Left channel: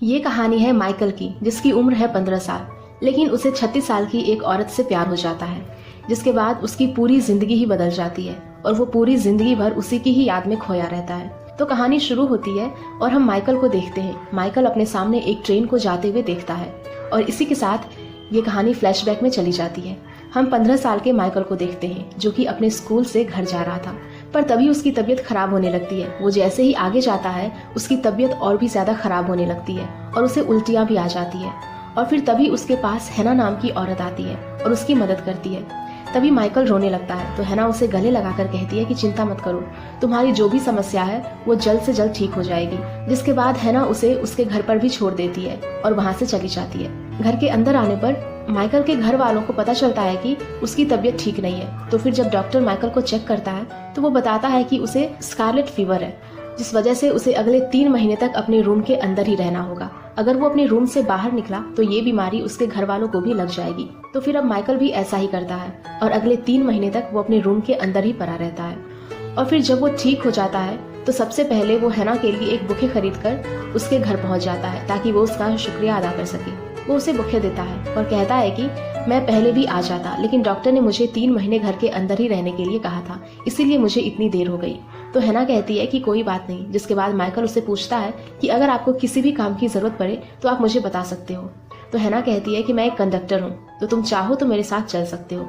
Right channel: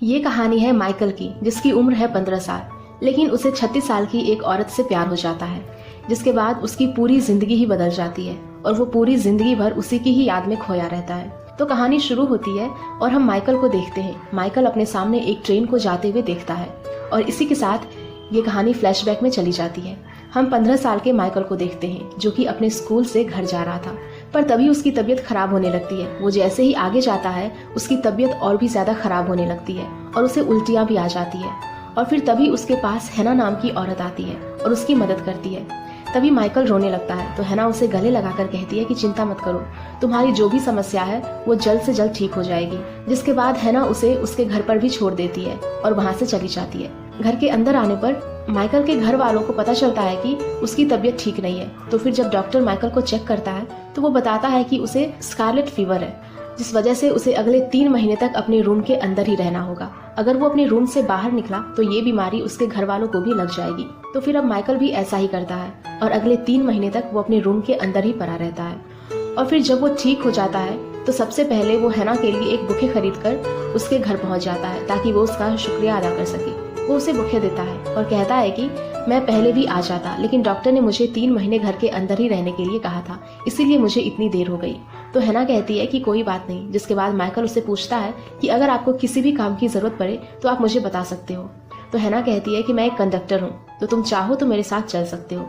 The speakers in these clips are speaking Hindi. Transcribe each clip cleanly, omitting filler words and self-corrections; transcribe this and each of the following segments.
ये कहानी है माइकल की, जिसकी उम्र है 15 साल, लेकिन उसे 36 साल की एक औरत से प्यार हो जाता है, जिसके बाद उसकी पूरी जिंदगी ही बदल जाती है और वो पूरी जिंदगी भर उसी की ही याद में खोया रहता है। तो कहानी शुरू होती है और हम माइकल को देखते हैं। माइकल अपने सामने एक ट्रेन को जाते हुए देखता है और इसी के साथ ये कहानी फ्लैशबैक में चली जाती है। हम 15 साल के माइकल को देखते हैं, जो कि अपने स्कूल से घर जा रहा था, पर तभी उसकी तबीयत खराब होने लगती है। वो जैसे ही आगे जाता है उसकी तबीयत और भी ज्यादा खराब होने लगती है और उसे उल्टियाँ भी आ जाती है। और फिर तभी उसके पास हैना नाम की औरत आती है और उसकी मदद करती है। तभी माइकल रोने लगता है तो हैना उसे गले लगाकर कहती है कि चिंता मत करो, तुम्हारी जो भी समस्या है वो जल्द से जल्द ठीक हो जाएगी। जिसके बाद हैना उसे उसके घर पर भी छोड़ देती है और वहाँ से चली जाती है। घर के अंदर आने पर माइकल के घर वालों को पता चलता है कि उसकी तबीयत ठीक नहीं है। तो फिर जब डॉक्टर माइकल को चेक करता है तो वो बताता है कि उसे स्कारलेट फीवर है, जिस वजह से उसे अगले 3 महीने तक अपने रूम के अंदर ही रहना होगा। अगर वो अपने रूम से बाहर निकला तो ये बीमारी उसके घर वालों को भी लग जाएगी। तो फिर अब माइकल भी ऐसा ही करता है और अगले 3 महीने तक वो अपने रूम के अंदर ही पड़ा रहता है। और फिर जब वो ठीक हो जाता है तो सबसे पहले वो हैना के लिए एक बुके खरीद कर उसके घर पहुंच जाता है ताकि वो उसका शुक्रिया अदा कर सके। वो उसे बुके देता है और कहता है कि मैं पहले भी आ जाता, लेकिन डॉक्टर ने मुझे 3 महीने घर के अंदर ही रहने के लिए कहा था, इसीलिए मुझे इतनी देर हो गई। तो हैना कहती है कि कोई बात नहीं। जिसके बाद माइकल उससे पूछता है कि अगर आपको किसी भी काम की जरूरत पड़े तो आप मुझे बता सकते हो। तो हैना कहती है कि मैं एक कंडक्टर हूँ, तो तुम चाहो तो मेरे साथ चल सकते हो।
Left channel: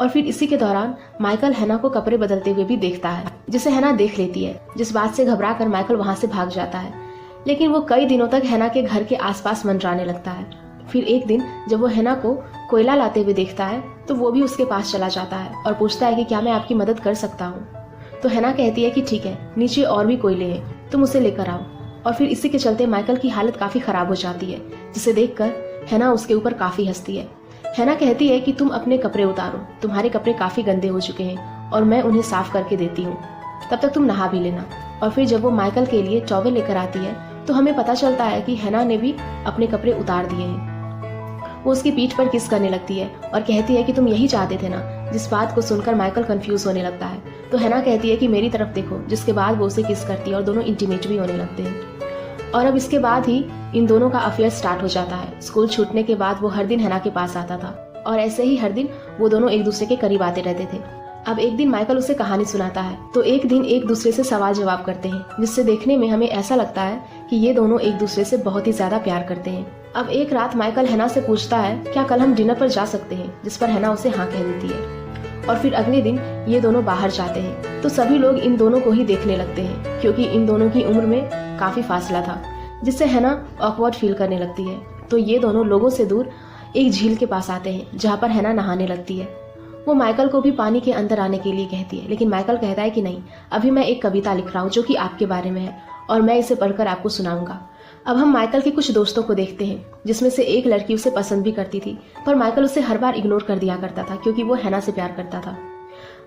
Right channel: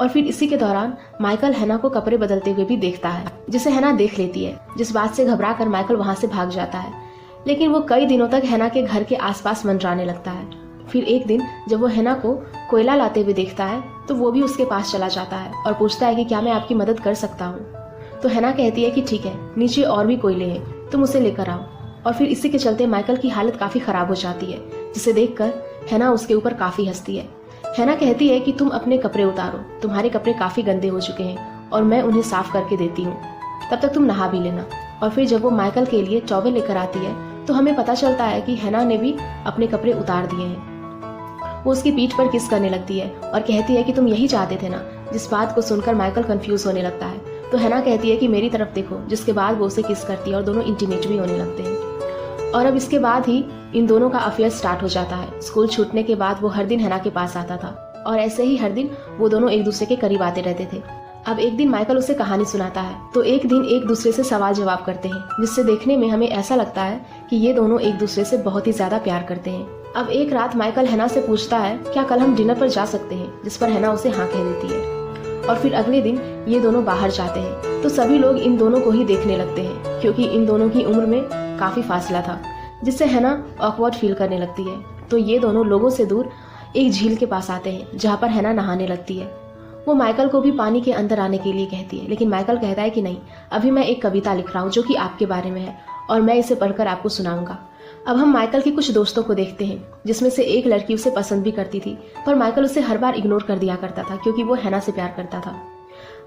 और फिर इसी के दौरान माइकल हैना को कपड़े बदलते हुए भी देखता है, जिसे हैना देख लेती है। जिस बात से घबरा कर माइकल वहाँ से भाग जाता है, लेकिन वो कई दिनों तक हैना के घर के आसपास मंडराने लगता है। फिर एक दिन जब वो हैना को कोयला लाते हुए देखता है तो वो भी उसके पास चला जाता है और पूछता है कि क्या मैं आपकी मदद कर सकता हूँ। तो हैना कहती है कि ठीक है, नीचे और भी कोयले हैं, तुम उसे लेकर आओ। और फिर इसी के चलते माइकल की हालत काफी खराब हो जाती है, जिसे देखकर हैना उसके ऊपर काफी हंसती है। हैना कहती है कि तुम अपने कपड़े उतारो, तुम्हारे कपड़े काफी गंदे हो चुके हैं और मैं उन्हें साफ करके देती हूँ, तब तक तुम नहा भी लेना। और फिर जब वो माइकल के लिए टॉवेल लेकर आती है तो हमें पता चलता है कि हैना ने भी अपने कपड़े उतार दिए हैं। वो उसकी पीठ पर किस करने लगती है और कहती है कि तुम यही चाहते थे ना। जिस बात को सुनकर माइकल कंफ्यूज होने लगता है तो हैना कहती है कि मेरी तरफ देखो। जिसके बाद वो उसे किस करती है और दोनों इंटीमेट भी होने लगते हैं। और अब इसके बाद ही इन दोनों का अफेयर स्टार्ट हो जाता है। स्कूल छूटने के बाद वो हर दिन हैना के पास आता था और ऐसे ही हर दिन वो दोनों एक दूसरे के करीब आते रहते थे। अब एक दिन माइकल उसे कहानी सुनाता है तो एक दिन एक दूसरे से सवाल जवाब करते हैं, जिससे देखने में हमें ऐसा लगता है कि ये दोनों एक दूसरे से बहुत ही ज्यादा प्यार करते हैं। अब एक रात माइकल हैना से पूछता है क्या कल हम डिनर पर जा सकते हैं, जिस पर हैना उसे हाँ कह देती है। और फिर अगले दिन ये दोनों बाहर जाते हैं तो सभी लोग इन दोनों को ही देखने लगते हैं, क्योंकि इन दोनों की उम्र में काफी फासला था, जिससे हैना ऑकवर्ड फील करने लगती है। तो ये दोनों लोगों से दूर एक झील के पास आते हैं जहाँ पर हैना नहाने लगती है। वो माइकल को भी पानी के अंदर आने के लिए कहती है, लेकिन माइकल कहता है कि नहीं, अभी मैं एक कविता लिख रहा हूँ जो कि आपके बारे में है और मैं इसे पढ़कर आपको सुनाऊंगा। अब हम माइकल के कुछ दोस्तों को देखते हैं, जिसमें से एक लड़की उसे पसंद भी करती थी, पर माइकल उसे हर बार इग्नोर कर दिया करता था क्योंकि वो हैना से प्यार करता था।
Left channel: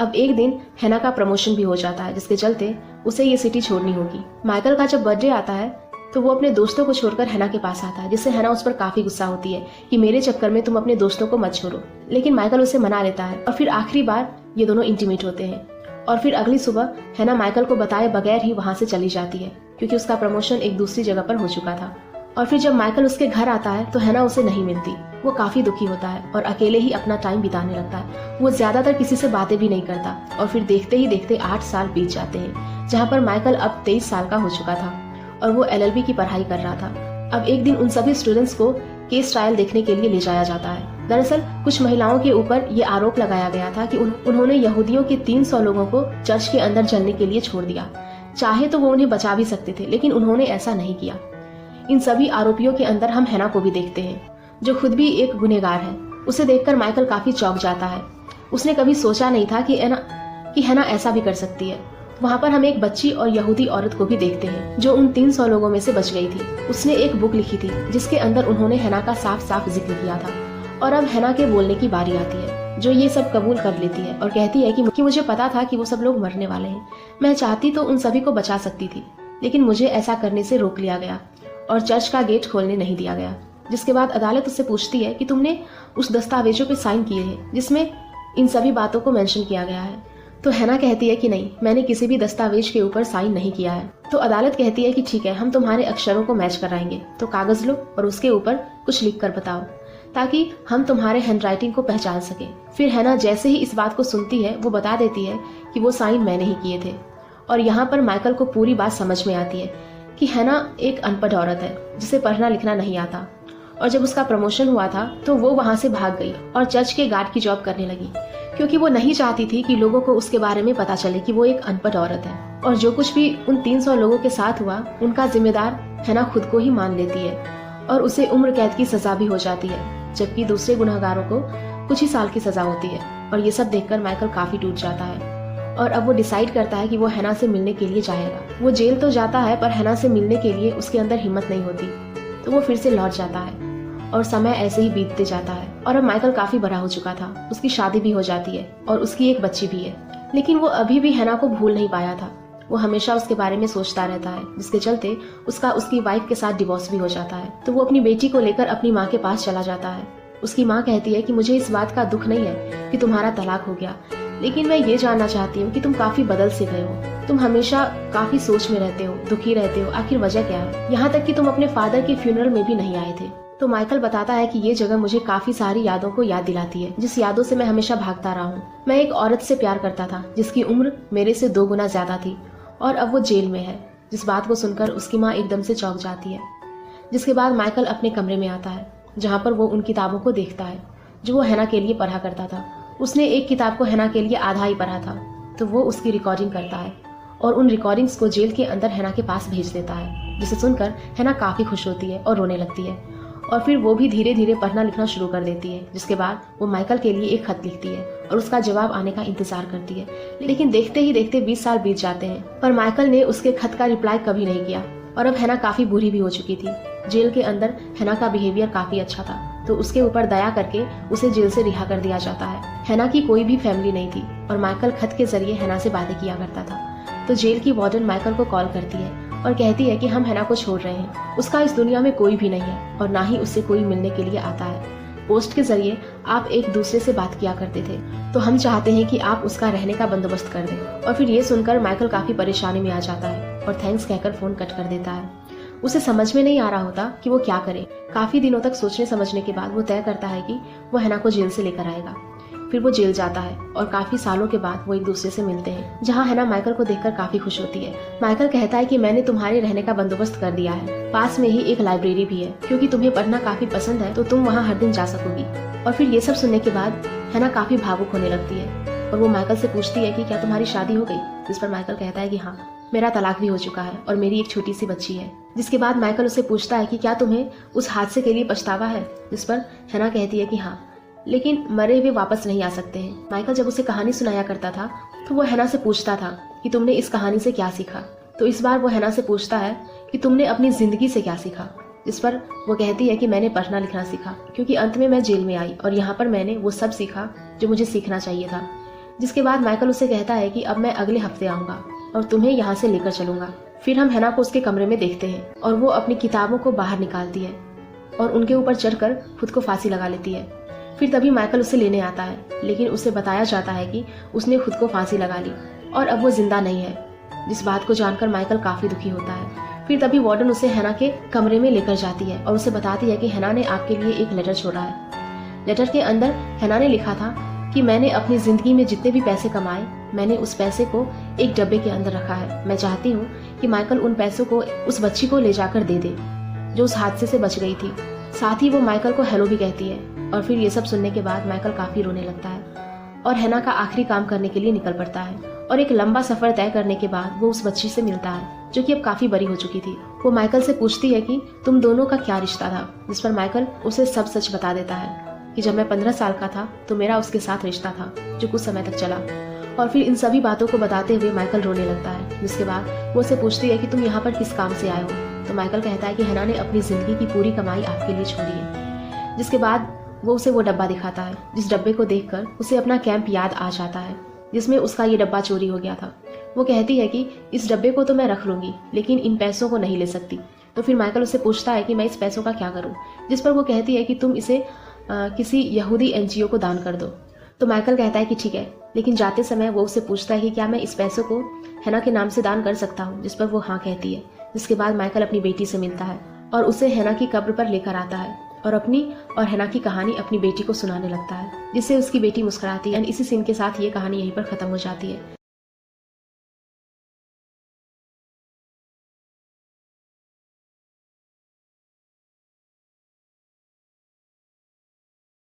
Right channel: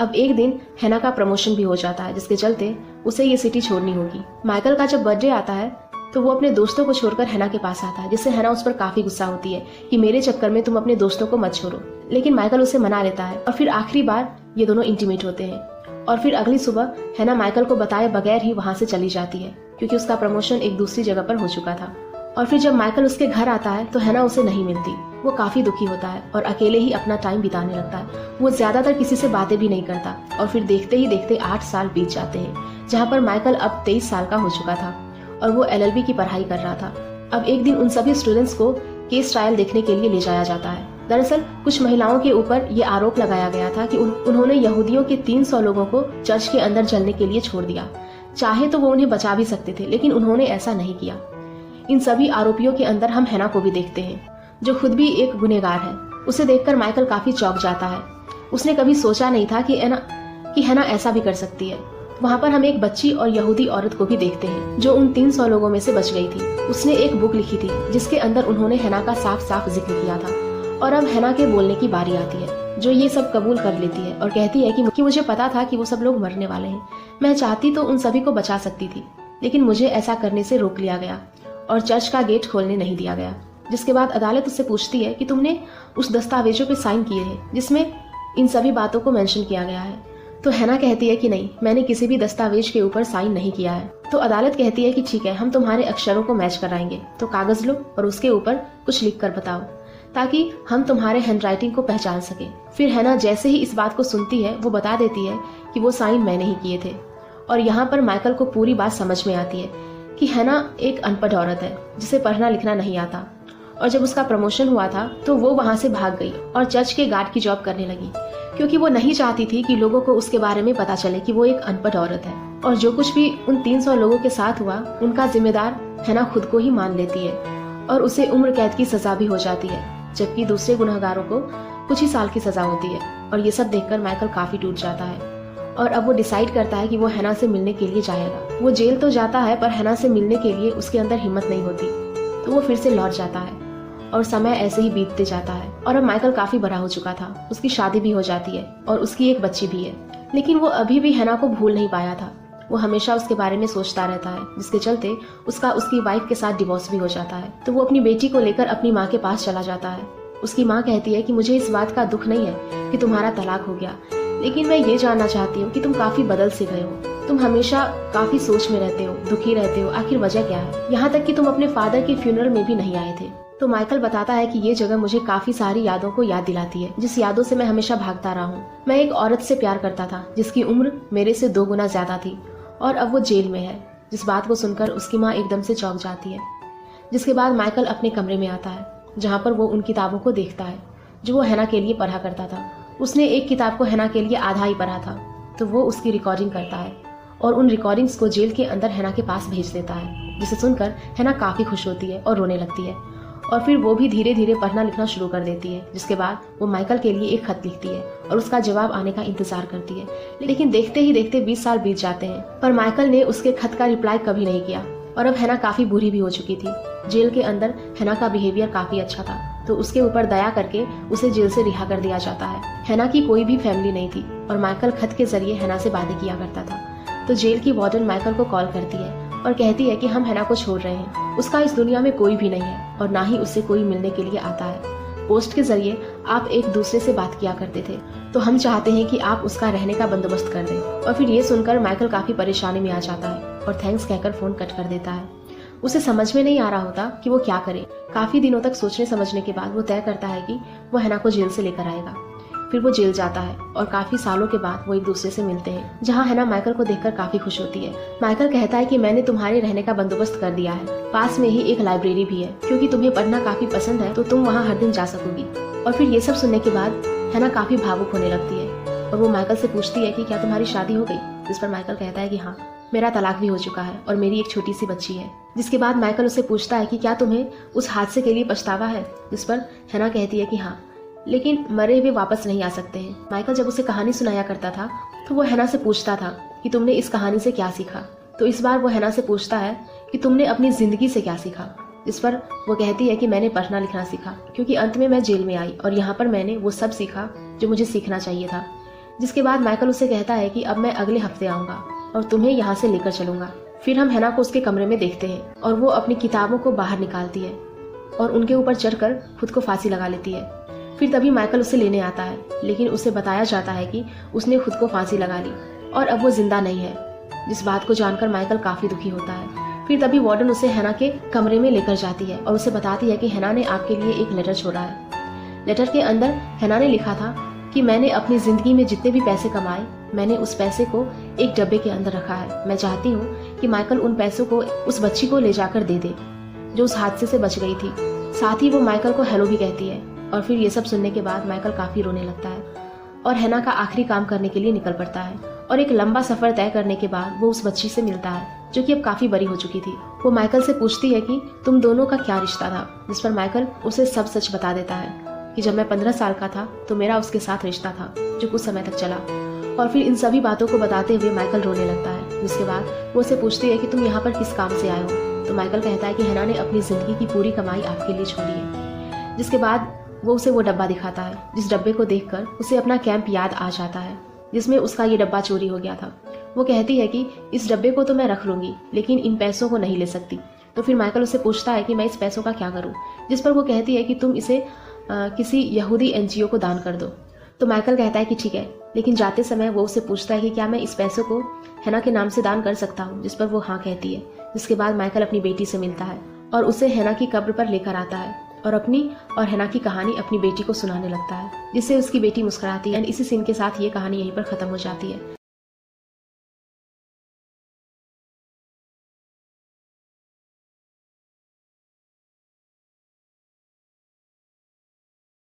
अब एक दिन हैना का प्रमोशन भी हो जाता है, जिसके चलते उसे ये सिटी छोड़नी होगी। माइकल का जब बर्थडे आता है तो वो अपने दोस्तों को छोड़कर हैना के पास आता है, जिससे हैना उस पर काफी गुस्सा होती है कि मेरे चक्कर में तुम अपने दोस्तों को मत छोड़ो। लेकिन माइकल उसे मना लेता है और फिर आखिरी बार ये दोनों इंटीमेट होते हैं। और फिर अगली सुबह हैना माइकल को बताए बगैर ही वहाँ से चली जाती है, क्योंकि उसका प्रमोशन एक दूसरी जगह पर हो चुका था। और फिर जब माइकल उसके घर आता है तो हैना उसे नहीं मिलती। वो काफी दुखी होता है और अकेले ही अपना टाइम बिताने लगता है। वो ज्यादातर किसी से बातें भी नहीं करता। और फिर देखते ही देखते 8 साल बीत जाते हैं, जहाँ पर माइकल अब 23 साल का हो चुका था और वो LLB की पढ़ाई कर रहा था। अब एक दिन उन सभी स्टूडेंट्स को केस ट्रायल देखने के लिए ले जाया जाता है। दरअसल कुछ महिलाओं के ऊपर ये आरोप लगाया गया था कि उन्होंने यहूदियों के 300 लोगों को चर्च के अंदर चलने के लिए छोड़ दिया। चाहे तो वो उन्हें बचा भी सकते थे, लेकिन उन्होंने ऐसा नहीं किया। इन सभी आरोपियों के अंदर हम हैना को भी देखते हैं, जो खुद भी एक गुनहगार है। उसे देखकर माइकल काफी चौंक जाता है। उसने कभी सोचा नहीं था कि हैना ऐसा भी कर सकती है। वहाँ पर हम एक बच्ची और यहूदी औरत को भी देखते हैं, जो उन 300 लोगों में से बच गई थी। उसने एक बुक लिखी थी जिसके अंदर उन्होंने हैना का साफ साफ जिक्र किया था। और अब हैना के बोलने की बारी आती है, जो ये सब कबूल कर लेती है और कहती है कि मुझे पता था कि वो सब लोग मरने वाले हैं। मैं चाहती तो उन सभी को बचा सकती थी, लेकिन मुझे ऐसा करने से रोक लिया गया और चर्च का गेट खोलने नहीं दिया गया। जिसके बाद अदालत उससे पूछती है कि तुमने उस दस्तावेजों पे साइन किए हैं जिसमें इन सभी बातों को मेंशन किया गया है। तो हैना कहती है कि नहीं, मैंने किसी भी दस्तावेज के ऊपर साइन नहीं किया है। तो अदालत कहती है कि ठीक है, हम तुम्हारे अक्षरों को मैच कराएंगे, तो कागज लो और उसके ऊपर कुछ लिख कर बताओ ताकि हम तुम्हारे हैंडराइटिंग को पहचान सके। फिर हैना जैसे ही इस बात को सुनती है वो बता देती है कि वो साइन मैंने ही किए थे। और यहाँ पर माइकल को पूरी बात समझ में आती है कि हैना एक अनपढ़ औरत है जिसे पढ़ना लिखना नहीं आता। और जब उसका प्रमोशन हुआ था तो वो वहाँ से भाग गई और चर्च के गार्ड की जॉब करने लगी, क्योंकि वो नहीं चाहती थी कि लोगों को उसके बारे में पता चले कि वो एक अनपढ़ औरत है। और जो कुछ भी उन 300 लोगों के साथ हुआ उनका जिम्मेदार हैना खुद को ही मान लेती है और उसे उम्र कैद की सजा भी हो जाती है, जबकि दूसरे गुनहगारों को कुछ ही साल की सजा होती है। और ये सब देखकर माइकल काफी टूट जाता है और अब वो डिसाइड करता है कि वो हैना से मिलने के लिए जाएगा। वो जेल तो जाता है पर हैना से मिलने के लिए उसके अंदर हिम्मत नहीं होती, तो वो फिर से लौट जाता है और समय ऐसे ही बीतते जाता है। और अब माइकल काफी बड़ा हो चुका था, उसकी शादी भी हो जाती है और उसकी एक बच्ची भी है, लेकिन वो अभी भी हैना को भूल नहीं पाया था। वो हमेशा उसके बारे में सोचता रहता है, जिसके चलते उसकी वाइफ के साथ डिवोर्स भी हो जाता है। तो वो अपनी बेटी को लेकर अपनी माँ के पास चला जाता है। उसकी माँ कहती है कि मुझे इस बात का दुख नहीं है कि तुम्हारा तलाक हो गया, लेकिन मैं ये जानना चाहती हूँ कि तुम काफी बदल से गए हो। तुम हमेशा काफी सोच में रहते हो, दुखी रहते हो, आखिर वजह क्या है? यहाँ तक कि तुम अपने फादर की फ्यूनरल में भी नहीं आए थे। तो माइकल बताता है कि ये जगह मुझे काफी सारी यादों को याद दिलाती है, जिस यादों से मैं हमेशा भागता रहा हूँ। मैं एक औरत से प्यार करता था जिसकी उम्र मेरे से 2 गुना ज्यादा थी और अब वो जेल में है। जिस बात को सुनकर उसकी माँ एकदम से चौंक जाती है। जिसके बाद माइकल अपने कमरे में आता है, जहाँ पर वो उन किताबों को देखता है जो वो हैना के लिए पढ़ा करता था। उसने एक किताब को हैना के लिए आधा ही पढ़ा था, तो वो उसकी रिकॉर्डिंग करता है और उन रिकॉर्डिंग्स को जेल के अंदर हैना के पास भेज देता है, जिसे सुनकर हैना काफी खुश होती है और रोने लगती है। और फिर वो भी धीरे धीरे पढ़ना लिखना शुरू कर देती है। जिसके बाद वो माइकल के लिए एक खत लिखती है और उसका जवाब आने का इंतजार करती है। लेकिन देखते ही देखते 20 साल बीत जाते हैं, पर माइकल ने उसके खत का रिप्लाई कभी नहीं किया। और अब हैना काफी बुरी भी हो चुकी थी। जेल के अंदर हैना का बिहेवियर काफी अच्छा था, तो उसके ऊपर दया करके उसे जेल से रिहा कर दिया जाता है। हैना की कोई भी फैमिली नहीं थी और माइकल खत के जरिए हैना से बातें किया करता था। तो जेल की वार्डन माइकल को कॉल करती है और कहती है कि हम हैना को छोड़ रहे हैं, उसका इस दुनिया में कोई भी नहीं है और ना ही उससे कोई मिलने के लिए आता है। पोस्ट के जरिए आप एक दूसरे से बात किया करते थे, तो हम चाहते हैं कि आप उसका रहने का बंदोबस्त कर दें। और फिर ये सुनकर माइकल काफी परेशानी में आ जाता है और थैंक्स कहकर फोन कट कर देता है। उसे समझ में नहीं आ रहा होता कि वो क्या करे। काफी दिनों तक सोचने समझने के बाद वो तय करता है कि वो हैना को जेल से लेकर आएगा। फिर वो जेल जाता है और काफी सालों के बाद वो एक दूसरे से मिलते हैं, जहाँ हैना माइकल को देखकर काफी खुश होती है। माइकल कहता है कि मैंने तुम्हारे रहने का बंदोबस्त कर दिया है, पास में ही एक लाइब्रेरी भी है, क्योंकि तुम्हें पढ़ना काफी पसंद है तो तुम वहाँ हर दिन जा सकोगी। और फिर ये सब सुनने के बाद हैना काफी भावुक होने लगती है और वो माइकल से पूछती है कि क्या तुम्हारी शादी हो गई? जिस पर माइकल कहता है कि हाँ, मेरा तलाक भी हो चुका है और मेरी एक छोटी सी बच्ची है। जिसके बाद माइकल उसे पूछता है कि क्या तुम्हें उस हादसे के लिए पछतावा है? जिस पर हैना कहती है कि हाँ, लेकिन मरे भी वापस नहीं आ सकते हैं। माइकल जब उसे कहानी सुनाया करता था तो वो हैना से पूछता था कि तुमने इस कहानी से क्या सीखा। तो इस बार वो हैना से पूछता है कि तुमने अपनी जिंदगी से क्या सीखा। जिस पर वो कहती है कि मैंने पढ़ना लिखना सीखा, क्योंकि अंत में मैं जेल में आई और यहाँ पर मैंने वो सब सीखा जो मुझे सीखना चाहिए था। जिसके बाद माइकल उसे कहता है कि अब मैं अगले हफ्ते आऊंगा और तुम्हें यहाँ से लेकर चलूंगा। फिर हम हैना को उसके कमरे में देखते हैं और वो अपनी किताबों को बाहर निकालती है और उनके ऊपर चढ़कर खुद को फांसी लगा लेती है। फिर तभी माइकल उसे लेने आता है, लेकिन उसे बताया जाता है कि उसने खुद को फांसी लगा ली और अब वो जिंदा नहीं है। जिस बात को जानकर माइकल काफी दुखी होता है। फिर तभी वार्डन उसे हैना के कमरे में लेकर जाती है और उसे बताती है कि हैना ने आपके लिए एक लेटर छोड़ा है। लेटर के अंदर हैना ने लिखा था कि मैंने अपनी जिंदगी में जितने भी पैसे कमाए, मैंने उस पैसे को एक डब्बे के अंदर रखा है। मैं चाहती हूँ कि माइकल उन पैसों को उस बच्ची को ले जाकर दे दे जो उस हादसे से बच गई थी। साथ ही वो माइकल को हेलो भी कहती है। और फिर ये सब सुनने के बाद माइकल काफी रोने लगता है और हैना का आखिरी काम करने के लिए निकल पड़ता है। और एक लंबा सफर तय करने के बाद वो उस बच्ची से मिलता है जो कि अब काफी बड़ी हो चुकी थी। वो माइकल से पूछती है कि तुम दोनों का क्या रिश्ता था। जिस पर माइकल उसे सब सच बता देता है कि जब मैं 15 साल का था तो मेरा उसके साथ रिश्ता था जो कुछ समय तक चला। और फिर इन सभी बातों को बताते हुए माइकल रोने लगता है। जिसके बाद वो उसे पूछती है कि तुम यहाँ पर किस काम से आए हो। तो माइकल कहता है कि हैना ने अपनी जिंदगी की पूरी कमाई आपके लिए छोड़ी है। जिसके बाद वो उसे वो डब्बा दिखाता है, जिस डब्बे को देखकर उसे अपना कैंप याद आ जाता है जिसमें उसका ये डब्बा चोरी हो गया था। वो कहती है कि इस डब्बे को तो मैं रख लूंगी, लेकिन इन पैसों को नहीं ले सकती। तो फिर माइकल उसे पूछता है कि मैं इस पैसों का क्या करूं। जिस पर वो कहती है कि तुम इसे किसी यहूदी एनजीओ को दान कर दो। तो माइकल कहता है कि ठीक है, लेकिन जाते समय वो उससे पूछता है कि क्या मैं इस पैसे को हैना के नाम से दान कर सकता हूँ, जिस पर वो हाँ कहती है। जिसके बाद माइकल अपनी बेटी से मिलता है और उसे हैना की कब्र पर लेकर आता है और अपनी और हैना की कहानी अपनी बेटी को सुनाने लगता है, जिससे उसकी बेटी मुस्कुराती है। इसी सीन के साथ ये कहानी यहीं पर खत्म हो जाती है।